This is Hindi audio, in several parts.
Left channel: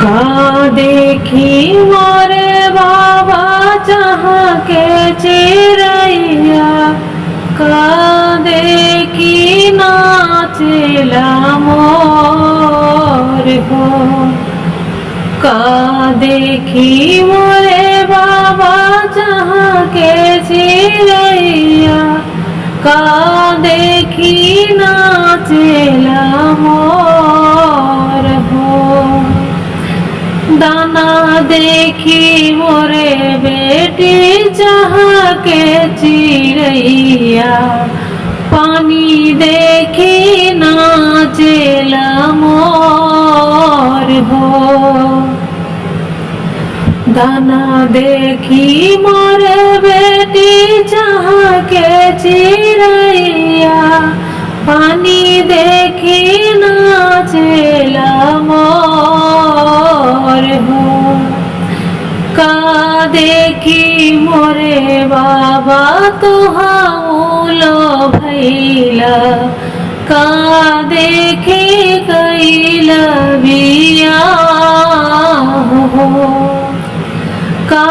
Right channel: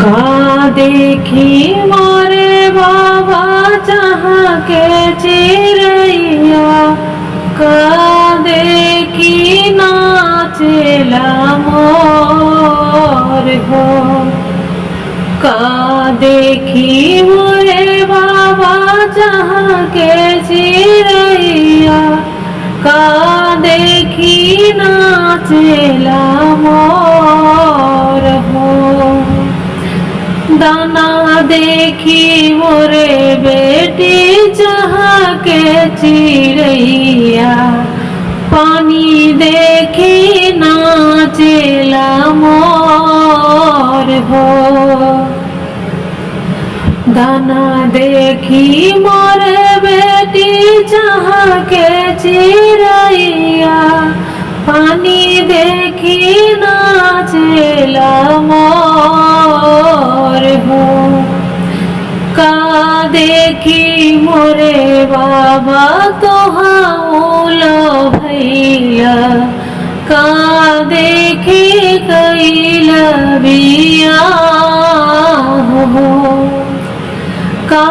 का देखी मोरे बाबा जहाँ के चिरैया, का देखी नाचेला मोर हो। का देखी मोरे बाबा जहाँ के चिरैया, का देखी नाचेला मोर हो। दाना देखी मोरे बेटी जहाँ के चिरैया, पानी देखी नाचेला मोर हो। दाना देखी मोरे बेटी जहाँ के चिरैया, पानी देखी नाचेला मोर हो। का देखी मोरे बाबा तोहाउलो भैला, का देखी कैला बियाह हो। का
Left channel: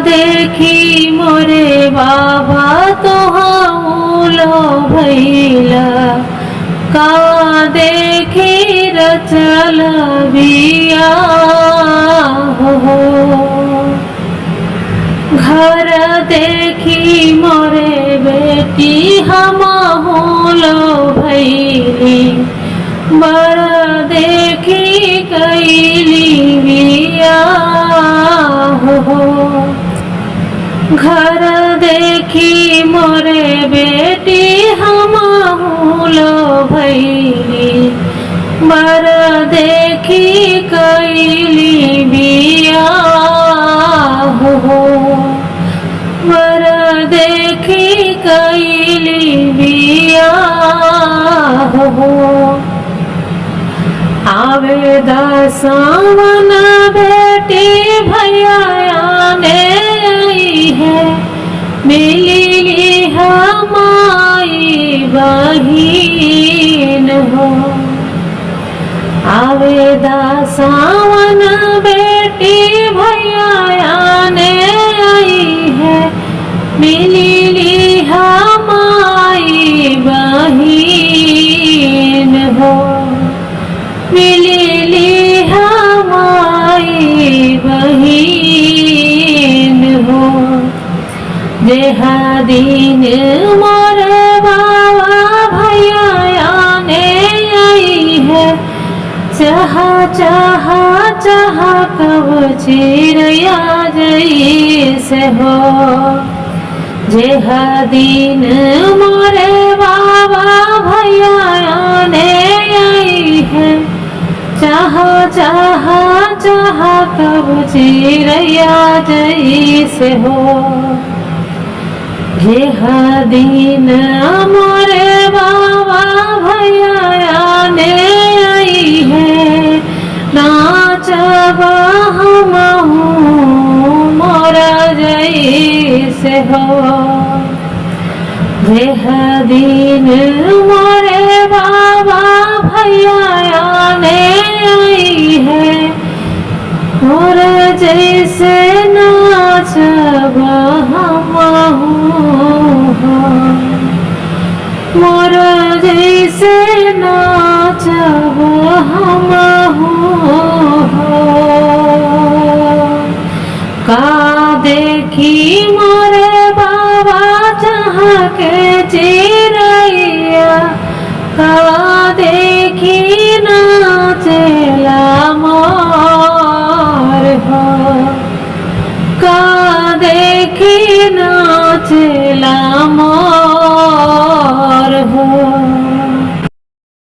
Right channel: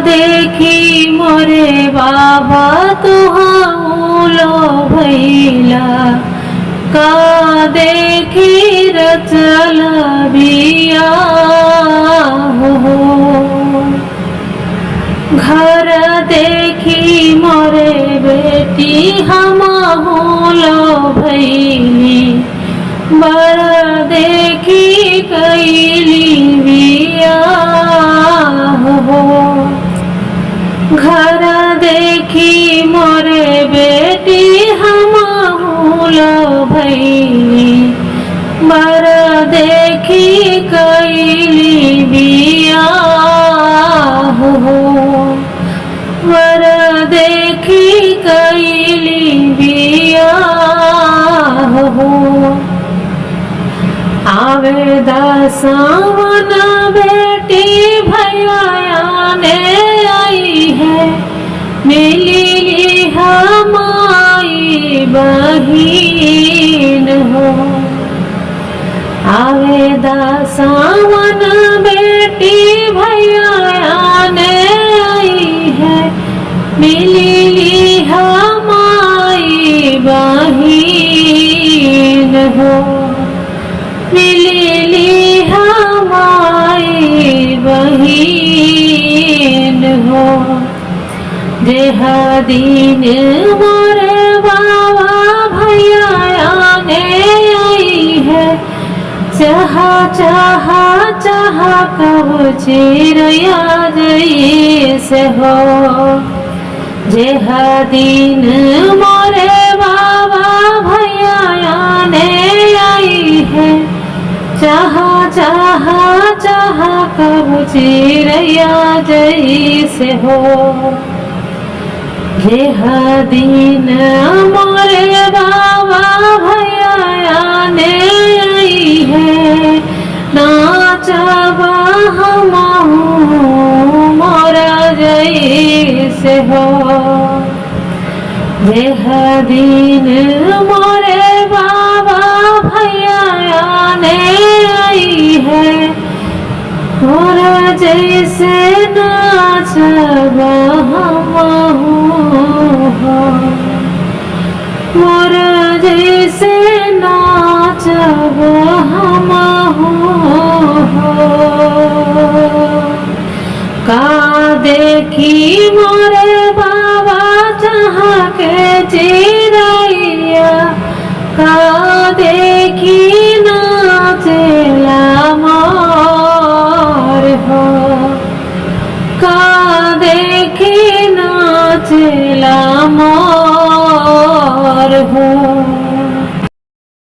देखी मोरे बाबा तोहाउलो भैला, का देखी रचल बियाह हो। घर देखी मोरे बेटी हमहुलो भैली, बर देखी कैली बियाह हो। घर देखी मोरे बेटी हमहुलो भैली, बर देखी कैली बियाह हो। बर देखी कैली बियाह हो। आवे दसावन बेटी भैया आने आई है, मिली हमारी बहिन हो। आवे दसावन बेटी भैया आने आई है, मिली हमारी बहिन हो। मिली हमारी बहिन हो। जेह दिन मोरे बाबा भैया आने आई है, चाह चाह चाह कब चिरैया जैसे हो। जेह दिन मोरे बाबा भैया आने आई है, चाह चाह चाह कब चिरैया जैसे हो। जेह दिन मोरे बाबा भैया आने आई है, नाचब हमहू मोरा जैसे हो। जेह दिन मोरे बाबा भैया आने आई है, मोरा जैसे नाचब हमहू हो। मोरा जैसे नाचब हमहू हो। का देखी मोरे बाबा जहाँ के चिरैया, का